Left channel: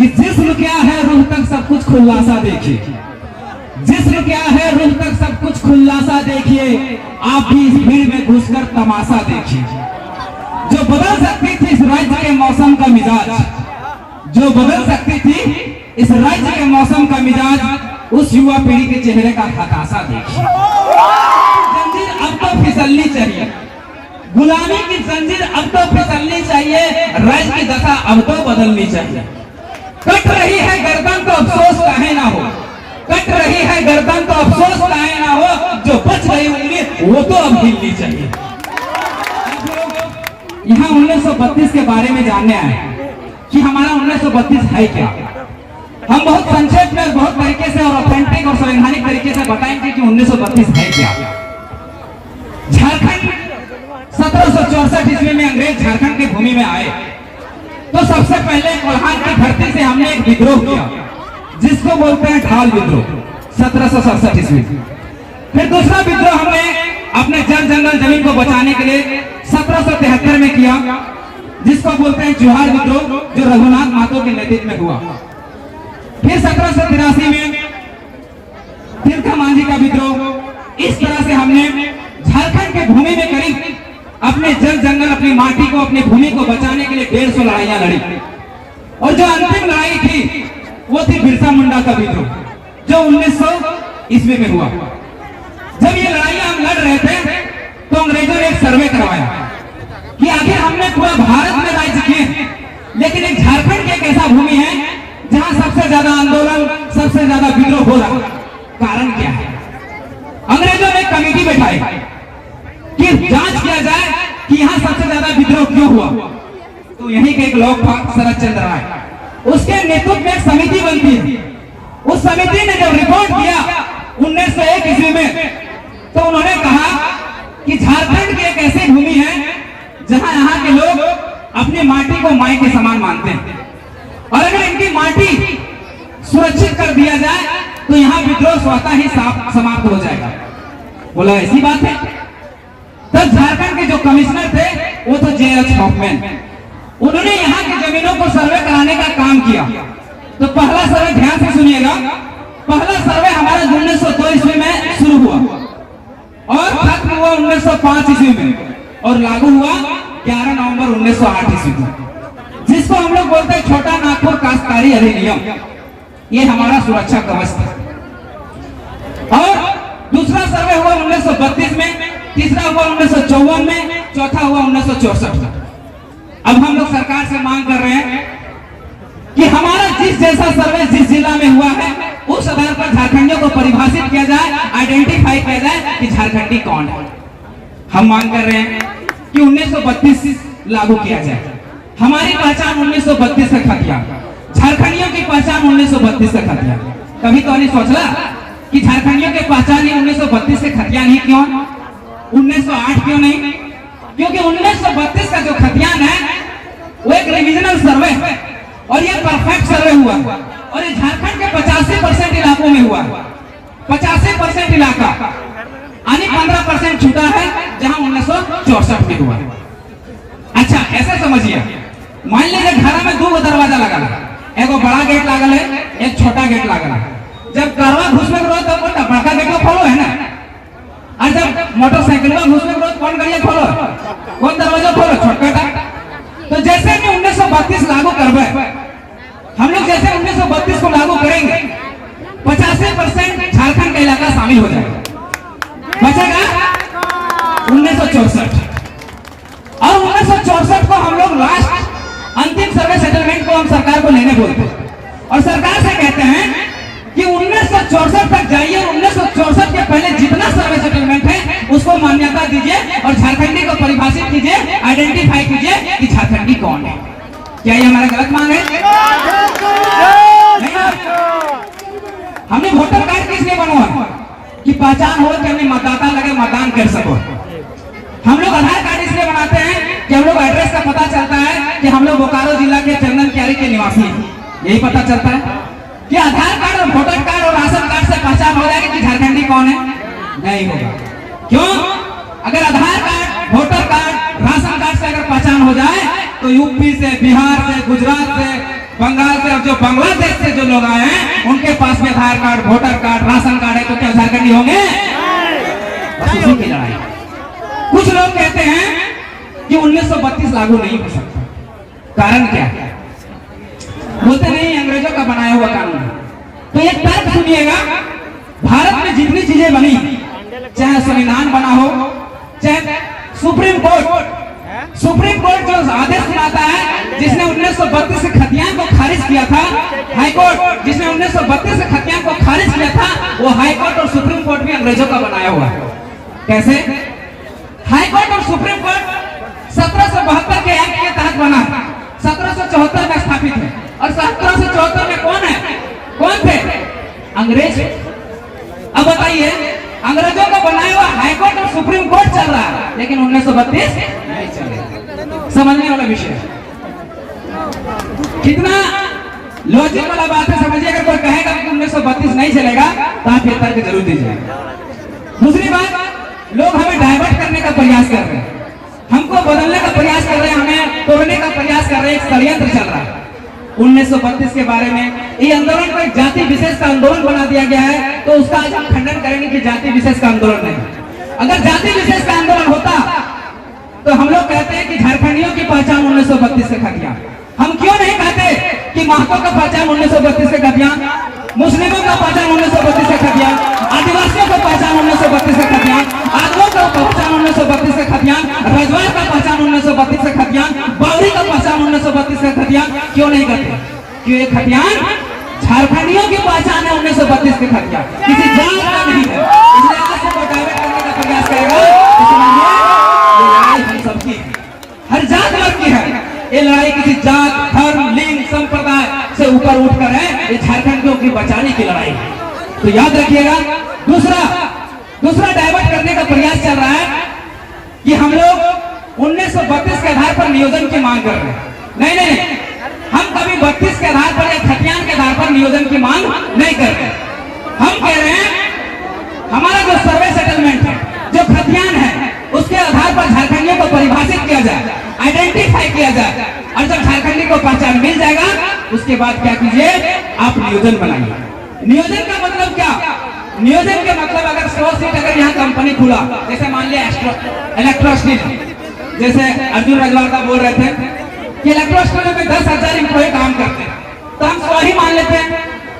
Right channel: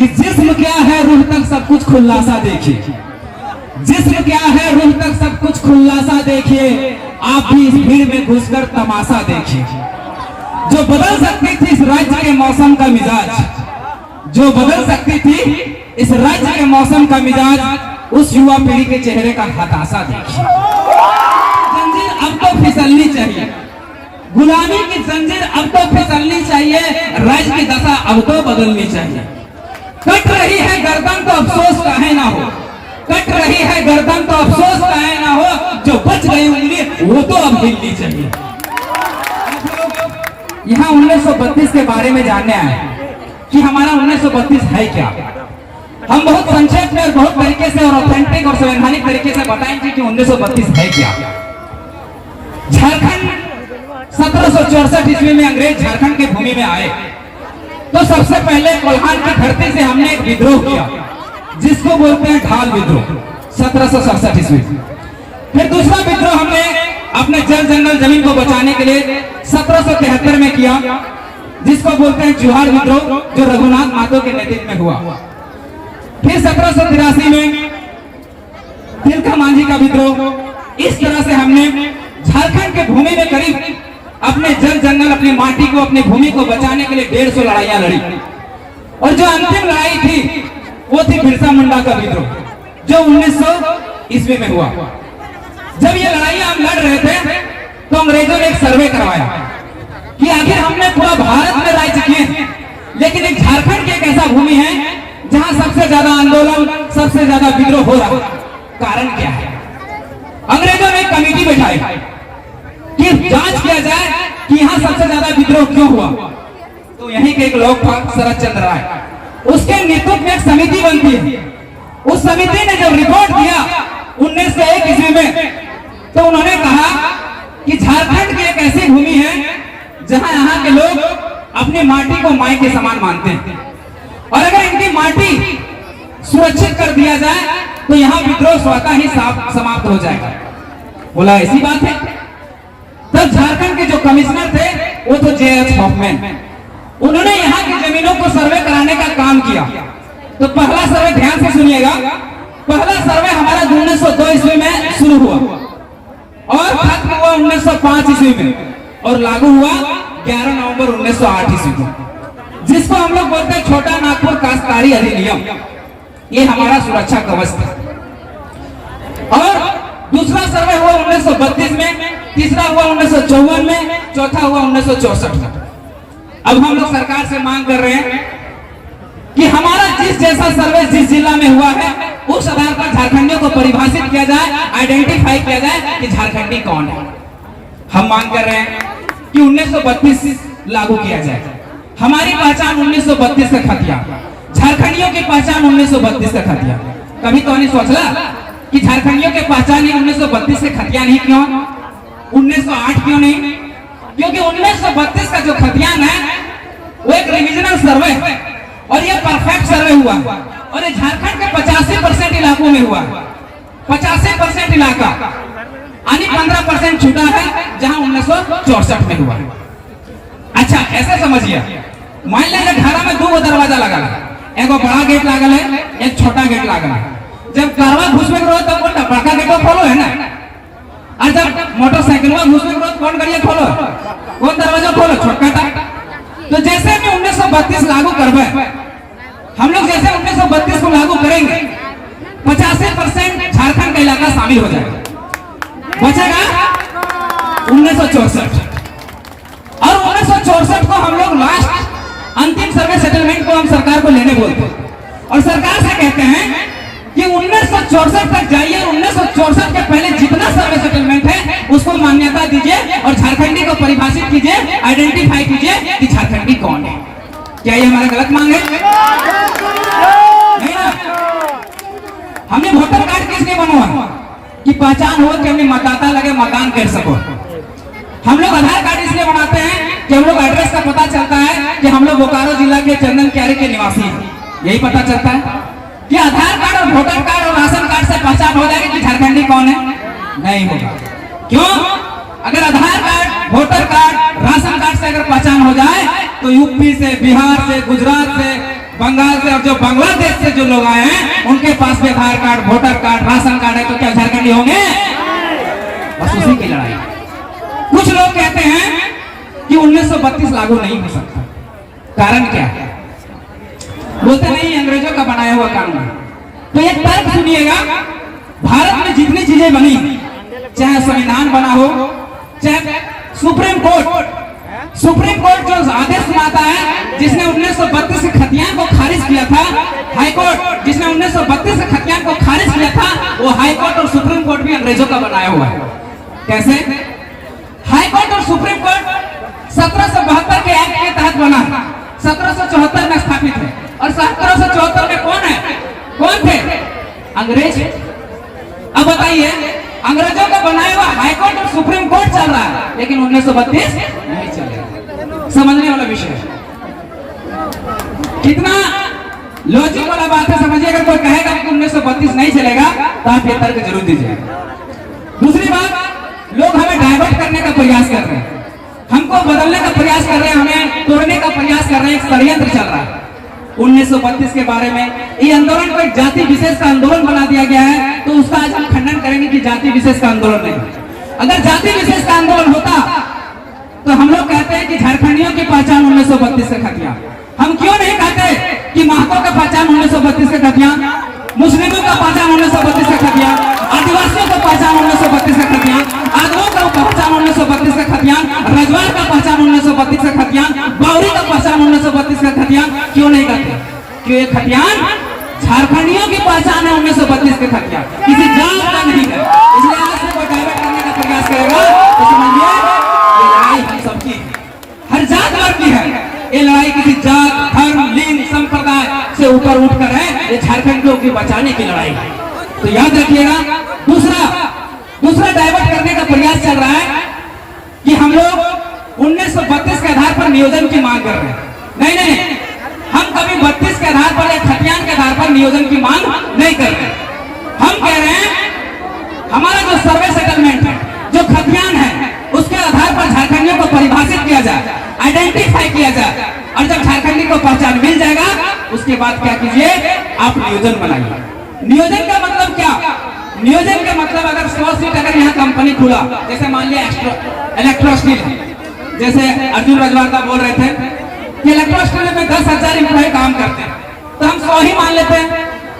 कि जिस्म क्या है रूह तक सब कुछ खुलासा देखिए, जिस्म क्या है रूह तक सब कुछ खुलासा देखिए, आप भी इस भीड़ में घुसकर तमाशा देखिए। जो बदल सकती थी इस राज्य के मौसम का मिजाज, जो बदल सकती थी इस राज्य के मौसम का मिजाज, उस युवा पीढ़ी के चेहरे का हताशा देखिए। जंजीर अब तो फिसलनी चाहिए, गुलामी की जंजीर अब तो फिसलनी चाहिए, राज्य की दशा अब तो बदलनी चाहिए। कट रही है गर्दन तो अफसोस काहे ना हो, कट रही है गर्दन तो अफसोस काहे ना हो, जो बच गई उंगली वो तो अब हिलनी चाहिए। यहाँ 1932 के बारे में जानने आए कि हमारा 1932 है क्या। हम बहुत संक्षेप में और बहुत तरीके से और ऑथेंटिक और संवैधानिक तरीके से बताएंगे कि 1932 है क्या। झारखंड 1764 ईस्वी में अंग्रेज झारखंड की भूमि में आए तो सबसे पहले कोल्हान की धरती से हमने एक विद्रोह किया जिसको बोलते हैं ढाल विद्रोह, 1767 ईस्वी। फिर दूसरा विद्रोह हमने अपने जल जंगल जमीन को बचाने के लिए 1773 में किया जिसको बोलते हैं जोहार विद्रोह, जो रघुनाथ मातो के नेतृत्व में हुआ। फिर 1783 में तिलका मांझी का विद्रोह। इस तरह से हमने झारखंड के भूमि में करीब अपने जल जंगल, अपनी माटी को, अपनी भूमि को बचाने के लिए 150 लड़ाइयां लड़ी। और जो अंतिम लड़ाई थी वो थी बिरसा मुंडा का विद्रोह, जो 1900 ईस्वी में हुआ। जब ये लड़ाइयां हम लड़ रहे थे तो अंग्रेजों ने एक सर्वे करवाया कि आखिर हमने पूरा भारत में राज्य किए, लेकिन एक झारखंड की एक ऐसा भूमि है जहां सबसे ज्यादा आंदोलन, सबसे ज्यादा विद्रोह हो रहा है, कारण क्या है। अंग्रेजों ने कमेटी बैठाई कि जांच किया जाए कि यहाँ सबसे ज्यादा विद्रोह क्यों हुआ। तो यहीं के एक लोग था शरद चंद्र राय, उसके नेतृत्व में एक समिति बनती है। उस समिति ने जब रिपोर्ट दिया 1901 ईस्वी में, तो उन्होंने कहा कि झारखंड की एक ऐसी भूमि है जहां यहाँ के लोग अपनी माटी को माई के समान मानते हैं, और अगर इनकी माटी सुरक्षित कर दिया जाए तो यहाँ विद्रोह स्वतः ही समाप्त हो जाएगा। बोला ऐसी बात है। तब झारखंड के जो कमिश्नर थे वो तो जे.एच. हॉफमैन, उन्होंने यहाँ की जमीनों को सर्वे कराने का काम किया। तो पहला सर्वे ध्यान से सुनिएगा, पहला सर्वे हमारा 1902 ईस्वी में शुरू हुआ और खत्म हुआ 1905 ईस्वी में, और लागू हुआ 11 नवंबर 1908 ईस्वी को, जिसको हम लोग बोलते हैं छोटा नागपुर काश्तकारी अधिनियम। ये हमारा सुरक्षा कवच था। और दूसरा सर्वे हुआ 1932 में, तीसरा हुआ 1954 में, चौथा हुआ 1964 में। अब हम लोग सरकार से मांग कर रहे हैं कि हमारा जिस जैसा सर्वे जिस जिला में हुआ है उस आधार पर झारखंडियों को परिभाषित किया जाए, आइडेंटिफाई किया जाए कि झारखंडी कौन है। हम मांग कर रहे हैं कि 1932 लागू किया जाए। हमारी पहचान 1932 से खतिया, झारखंडियों की पहचान 1932 से खतिया। कभी तो नहीं सोचा कि झारखंडियों की पहचान 1932 से खतियान ही क्यों, 1908 क्यों नहीं? क्योंकि 1932 का जो खतियान है वो एक रिविजनल सर्वे है और ये परफेक्ट सर्वे हुआ, और ये झारखंड के 85% इलाकों में हुआ। 85% इलाका यानी 15% छूटा है जहां 1964 में हुआ। अच्छा ऐसे समझिए, मान लीजिए घर में 2 दरवाजा लगा है, एक बड़ा गेट लागल है, एक छोटा गेट लागल है। जब कारवा घुसने के बाद तो बड़का गेट खोलो है ना, और जब मोटरसाइकिल में घुसने के बाद कौन गाड़िया खोलो, कौन दरवाजा खोलो, छोटा। तो जैसे कि 1932 लागू करवे, हम लोग जैसे 1932 को लागू करेंगे 85% झारखंड का इलाका शामिल हो जाएगा, बचेगा 1964। और 1964 को हम लोग लास्ट अंतिम सर्वे सेटलमेंट को हम सरकार को लेने बोलते हैं, और सरकार से कहते हैं कि 1964 तक जाइए, 1964 के पहले जितना सर्वे सेटलमेंट है उसको मान्यता दीजिए और झारखंडी को परिभाषित कीजिए, आइडेंटिफाई कीजिए कि झारखंडी कौन है। क्या ये हमारा गलत मांग है? नहीं ना। हमने वोटर कार्ड किस लिए बनवाया कि पहचान हो कि हमने मतदाता लगे, मतदान कर सको। हम लोग आधार कार्ड इसलिए बनाते हैं कि हम लोग एड्रेस का पता चलता है कि हम लोग बोकारो जिला के चंदन क्यारी के निवासी हैं, यही पता चलता है कि आधार कार्ड और वोटर कार्ड और राशन कार्ड से पहचान हो जाएगी कि झारखंडी कौन है? नहीं होगा। क्यों? अगर Aadhaar card, voter card, ration card से अगर पहचान हो जाए तो यूपी से, बिहार से, गुजरात से, बंगाल से और जो बांग्लादेश से जो लोग आए हैं उनके पास भी Aadhaar card, voter card, ration card है, तो क्या झारखंडी होंगे? बस उसी की लड़ाई। कुछ लोग कहते हैं कि 1932 लागू नहीं हो सकता, कारण क्या? बोलते नहीं अंग्रेजों का बनाया हुआ कानून है। तो ये तर्क सुनिएगा, भारत में जितनी चीजें बनी, चाहे संविधान बना हो, चाहे सुप्रीम कोर्ट जो आदेश सुनाता है, जिसने 1932 से खतियान को खारिज किया था, हाई कोर्ट जिसने 1932 से खतियान को खारिज किया था, वो हाई कोर्ट और सुप्रीम कोर्ट भी अंग्रेजों का बनाया हुआ है। कैसे? हाई कोर्ट और सुप्रीम कोर्ट 1772 के एक्ट के तहत बना, 1774 में स्थापित है। और 1774 में कौन थे? अंग्रेज। अब बताइए, अंग्रेजों का बनाया हुआ हाई कोर्ट और सुप्रीम कोर्ट चल रहा है, लेकिन 1932 नहीं चलेगा। समझने वाला विषय है, कितना लॉजिक वाला बात है। समझिए, अगर कोई कहेगा कि 1932 नहीं चलेगा तो आप ये तर्क जरूर दीजिए। दूसरी बात, लोग हमें डाइवर्ट करने का प्रयास कर रहे हैं, हमको बदलने का प्रयास कर रहे हैं, हमें तोड़ने का प्रयास कर रहे हैं। एक षड्यंत्र चल रहा है 1932 के बारे में। ये आंदोलन को एक जाति विशेष का आंदोलन बना दिया गया है, तो उसका आज हम खंडन करेंगे कि जाति विशेष का आंदोलन नहीं। अगर जाति विशेष का आंदोलन होता तो हम लोग कहते हैं कि झारखंडियों की पहचान 1932 से खतियान। हम क्यों नहीं कहते कि महतो का पहचान 1932 से खतियान, मुस्लिमों का पहचान 1932 से खतियान, आदिवासियों का पहचान 1932 से खतियान, आदिवासियों का पहचान 1932 से खतियान, रजवार का पहचान 1932 से खतियान, बावरी का पहचान 1932 से खतियान क्यों नहीं करते? कि ये खतियान झारखंडियों की पहचान है 1932 के खतियान, किसी जात का नहीं है। इसलिए आज से कोई डायवर्ट करने का प्रयास करेगा तो समझिए ये लड़ाई हम सबकी है, हर जात वर्ग की है। ये लड़ाई किसी जात, धर्म, लिंग, संप्रदाय से ऊपर उठकर है, ये झारखंडियों की बचाने की लड़ाई है। तो याद रखिएगा। दूसरा डाइवर्ट करने का प्रयास चल रहा है कि हम लोग 1932 के आधार पर नियोजन की मांग कर रहे हैं। नहीं, हम कभी 32 के आधार पर या खतियान के आधार पर नियोजन की मांग नहीं कर रहे। हम कह रहे हैं हमारा जो सर्वे सेटलमेंट है, जो खतियान है, उसके आधार पर झारखंडियों को परिभाषित किया जाए, आइडेंटिफाई किया जाए, और जब झारखंडी को पहचान मिल जाएगा उसके बाद क्या कीजिए, आप नियोजन बनाइए। नियोजन का मतलब क्या? नियोजन का मतलब अगर 100 सीट अगर यहाँ कंपनी खुला, जैसे मान लिया इलेक्ट्रो स्टील, जैसे अर्जुन रजवार बोल रहे थे कि इलेक्ट्रो स्टील में 10,000 एम्प्लॉय काम करते हैं, तो हम 100 ही मान लेते हैं।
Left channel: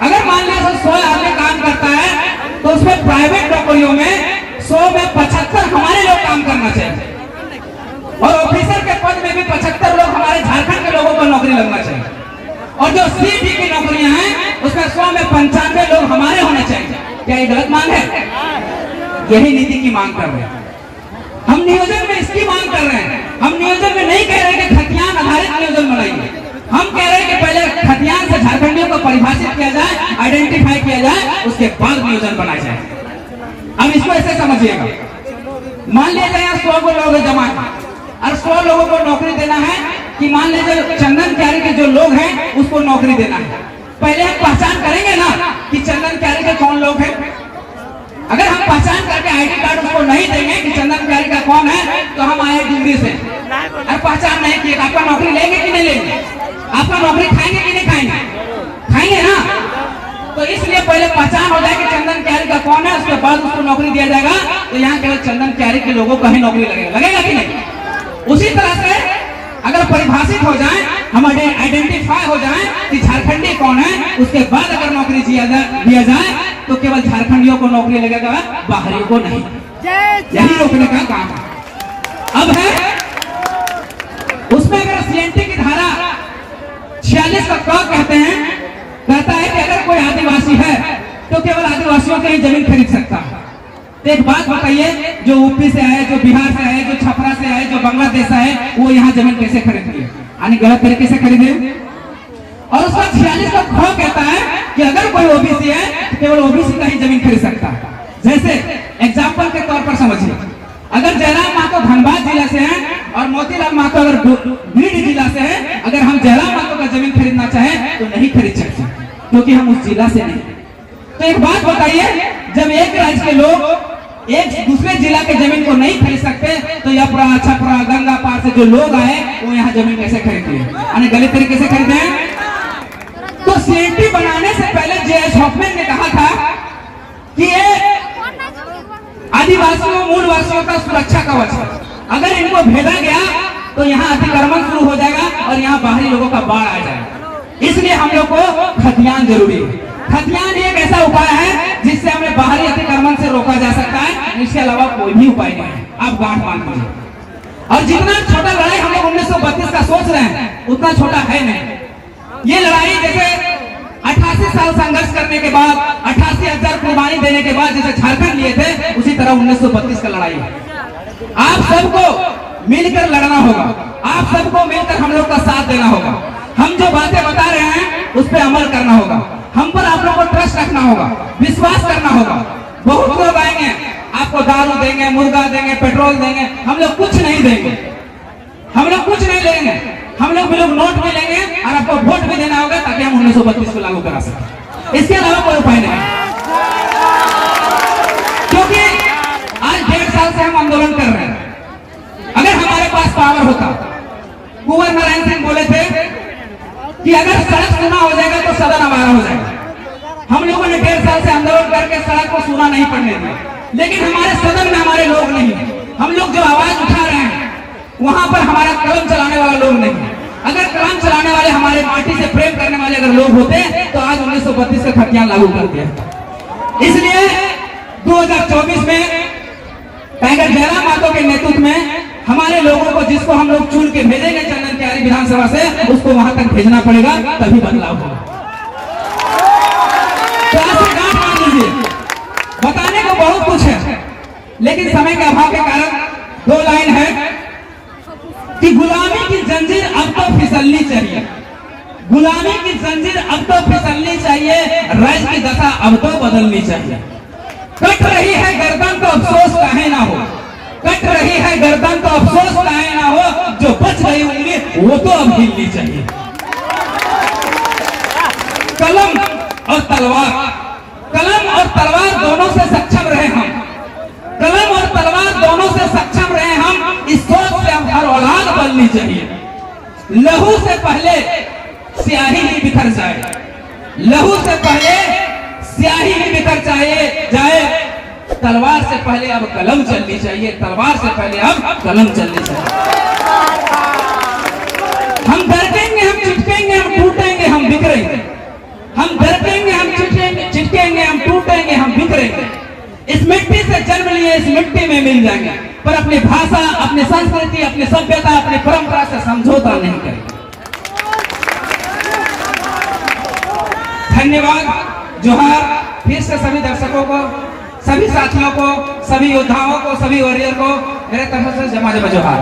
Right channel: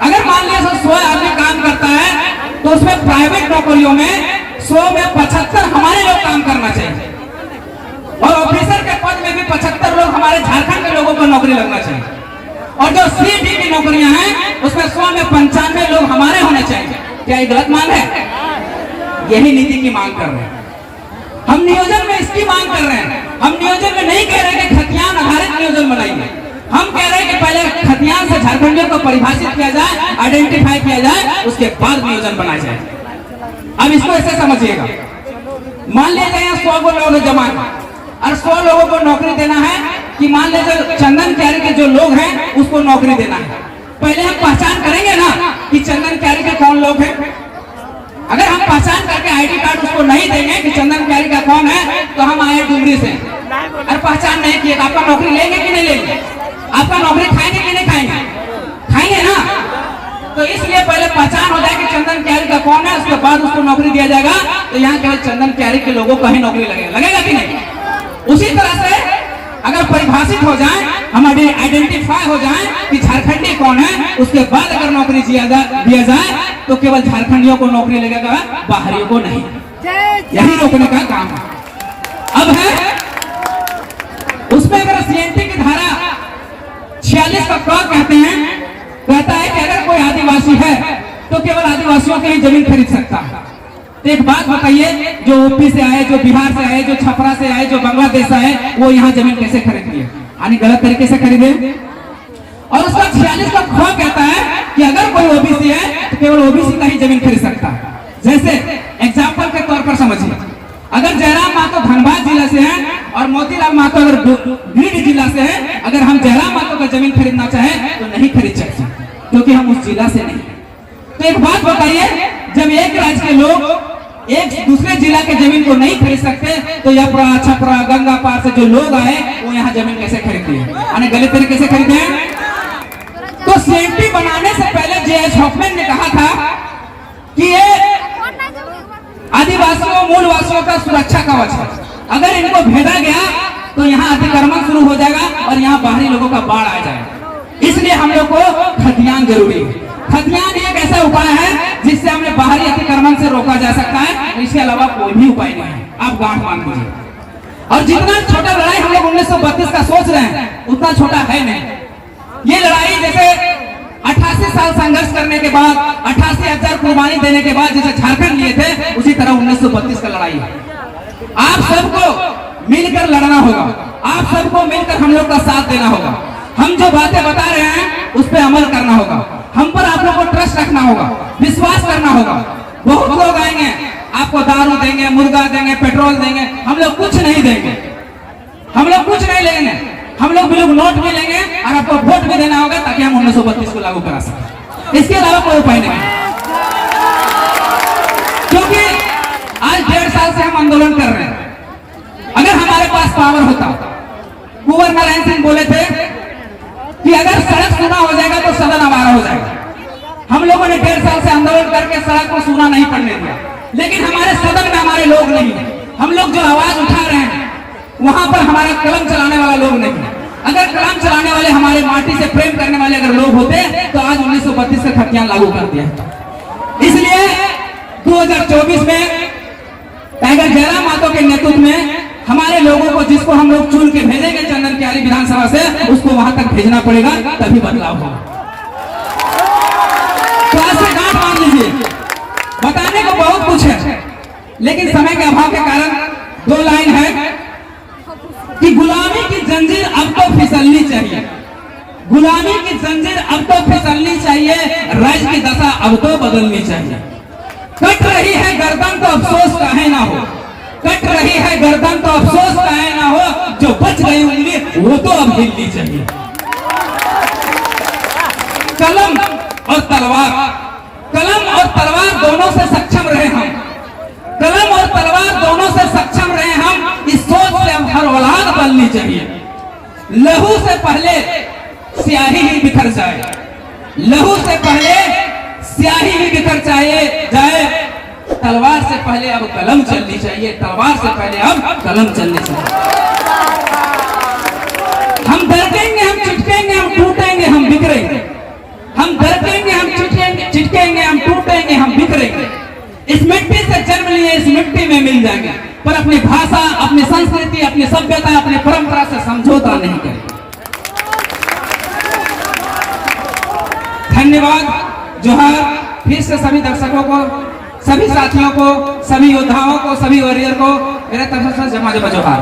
अगर मान लिया 100 आदमी काम करता है तो उसमें प्राइवेट नौकरियों में 100 में 75 हमारे लोग काम करना चाहिए, और ऑफिसर के पद में भी 75 लोग हमारे झारखंड के लोगों को नौकरी लगना चाहिए, और जो सीटी की नौकरियां हैं उसमें 100 में 95 लोग हमारे होने चाहिए। क्या ये गलत मांग है? यही नीति की मांग कर रहे हैं हम। नियोजन में इसकी मांग कर रहे हैं। हम नियोजन में नहीं कह रहे कि खतियान आधारित नियोजन बनाइए, हम कह रहे हैं कि पहले खतियान से झारखंडियों को परिभाषित किया जाए, आइडेंटिफाई किया जाए, उसके बाद नियोजन बनाया जाए। अब इसको ऐसे समझिएगा, मान लीजिए यहाँ 100 लोग जमा है और 100 लोगों को नौकरी देना है, कि मान लीजिए चंदन कैरी के जो लोग हैं उसको नौकरी देना है। पहले हम पहचान करेंगे ना कि चंदन कैरी के कौन लोग हैं। अगर हम पहचान करके आईडी कार्ड उसको नहीं देंगे कि चंदन कैरी का कौन है, तो हम आए डुमरी से और पहचान नहीं किए, आपका नौकरी लेंगे कि नहीं लेंगे? आपका नौकरी खाएंगे कि नहीं खाएंगे? खाएंगे ना। तो इसलिए पहले पहचान हो जाए कि चंदन कैरी का कौन है, उसके बाद उसको नौकरी दिया जाएगा। तो यहाँ केवल चंदन कैरी के लोगों को ही नौकरी लगेगा कि नहीं? उसी तरह से अगर परिभाषित हो जाए, हम आइडेंटिफाई हो जाए कि झारखंडी कौन है, उसके बाद अगर नौकरी दिया जाए तो केवल झारखंडियों को नौकरी लगेगा, बाहरियों को नहीं। यही रोकने का काम है। अब है उसमें अगर सीएनटी की धारा 46 का क्या कहते हैं, कहता है कि अगर कोई आदिवासी है तो केवल आदिवासियों की ही जमीन खरीद सकता है। तो एक बात बताइए, जो यूपी से आए, जो बिहार से आए, जो छपरा से आए, जो बांग्लादेश से आए, वो यहाँ जमीन कैसे खरीद लिए? यानी गलत तरीके से खरीदे। और उसका 46 का खो कहता है कि अगर कोई ओबीसी है तो केवल ओबीसी का ही जमीन खरीद सकता है। जैसे एग्जाम्पल के तौर पर समझिए, अगर जयराम महतो धनबाद जिला से हैं और मोतीलाल महतो अगर बीड जिला से हैं, अगर हम जयराम महतो का जमीन खरीदना चाहें तो नहीं खरीद सकते, क्योंकि हम उस जिला से नहीं। तो एक बात बताइए, जब एक राज्य के लोग एक दूसरे जिला के जमीन को नहीं खरीद सकते, तो यपरा, छपरा, गंगा पार से जो लोग आए वो यहाँ जमीन कैसे खरीदते हैं? गलत तरीके से खरीदे हैं। तो सीएनटी बनाने से पहले जे.एच. हॉफमैन ने कहा था कि ये आदिवासियों मूलवासियों का सुरक्षा कवच है। अगर इनको भेजा गया तो यहाँ अतिक्रमण शुरू हो जाएगा और यहाँ बाहरी लोगों का बाढ़ आ जाएगा। इसलिए हम लोग को खतियान जरूरी है। खतियान एक ऐसा उपाय है जिससे हमें बाहरी अतिक्रमण से रोका जा सकता है। इसके अलावा कोई भी उपाय नहीं है। आप गांठ मान लीजिए। और जितना छोटा लड़ाई हम लोग 1932 का सोच रहे हैं उतना छोटा है नहीं। ये लड़ाई जैसे 88 साल संघर्ष करने के बाद 88,000 कुर्बानी देने के बाद जैसे झारखंड लिए थे, उसी तरह 1932 का लड़ाई है। आप सबको मिलकर लड़ना होगा। आप सबको मिलकर हम लोग का साथ देना होगा। हम जो बातें बता रहे हैं उस पर अमल करना होगा। हम पर आप लोग को ट्रस्ट रखना होगा, विश्वास करना होगा। बहुत लोग आएंगे, आपको दारू देंगे, मुर्गा देंगे, पेट्रोल देंगे। हम लोग कुछ नहीं देंगे। हम लोग कुछ नहीं लेंगे। हम लोग नोट भी लेंगे और आपको वोट भी देना होगा ताकि हम 1932 को लागू करा सकें। इसके अलावा कोई उपाय नहीं है। क्योंकि आज 1.5 साल से हम आंदोलन कर रहे हैं। अगर हमारे पास पावर होता, कुंवर नारायण सिंह बोले थे कि अगर सड़क सूना हो जाएगा तो सदन हमारा हो जाएगा। हम लोगों ने 1.5 साल से आंदोलन करके सड़क को सूना नहीं पड़ने दिया, लेकिन हमारे सदन में हमारे लोग नहीं है। हम लोग जो आवाज उठा रहे हैं वहां पर हमारा कलम चलाने वाला लोग नहीं है। अगर कलम चलाने वाले हमारे माटी से प्रेम करने वाले अगर लोग होते तो आज 1932 के खतियान लागू कर दिया। इसलिए 2024 में टाइगर जयराम मातो के नेतृत्व में हमारे लोगों को, जिसको हम लोग चुन के भेजेंगे चंदन क्यारी विधानसभा से, उसको वहां तक भेजना पड़ेगा, तभी बदलाव होगा। तो आज से गांठ मान लीजिए। बताने को बहुत कुछ है, लेकिन समय के अभाव के कारण 2 लाइन है कि गुलामी की जंजीर अब तो फिसलनी चाहिए। गुलामी की जंजीर अब तो फिसलनी चाहिए। राज्य की दशा अब तो बदलनी चाहिए। कट रही है गर्दन तो अफसोस काहे ना हो। कट रही है गर्दन तो अफसोस काहे ना हो। जो बच गई उंगली वो तो अब हिलनी चाहिए। कलम और तलवार, कलम और तलवार दोनों से सक्षम रहे हम। कलम और तलवार दोनों से सक्षम रहे हम। इस सोच से हम हर औलाद बननी चाहिए। लहू से पहले स्याही ही बिखर जाए। लहू से पहले स्याही ही बिखर जाए। तलवार से पहले अब कलम चलनी चाहिए। तलवार से पहले अब कलम चलनी चाहिए। हम डरकेंगे, हम चिटकेंगे, हम टूटेंगे, हम बिखरेंगे। हम डरकेंगे, हम चिटकेंगे, हम टूटेंगे, हम बिखरेंगे। इस मिट्टी से जन्म लिए इस मिट्टी में मिल जाएंगे, पर अपनी भाषा, अपनी संस्कृति, अपनी सभ्यता, अपनी परंपरा से समझौता नहीं करेंगे। धन्यवाद। जोहार। फिर से सभी दर्शकों को, सभी साथियों को, सभी योद्धाओं को, सभी वॉरियर को मेरे तरफ से जमा जोहार।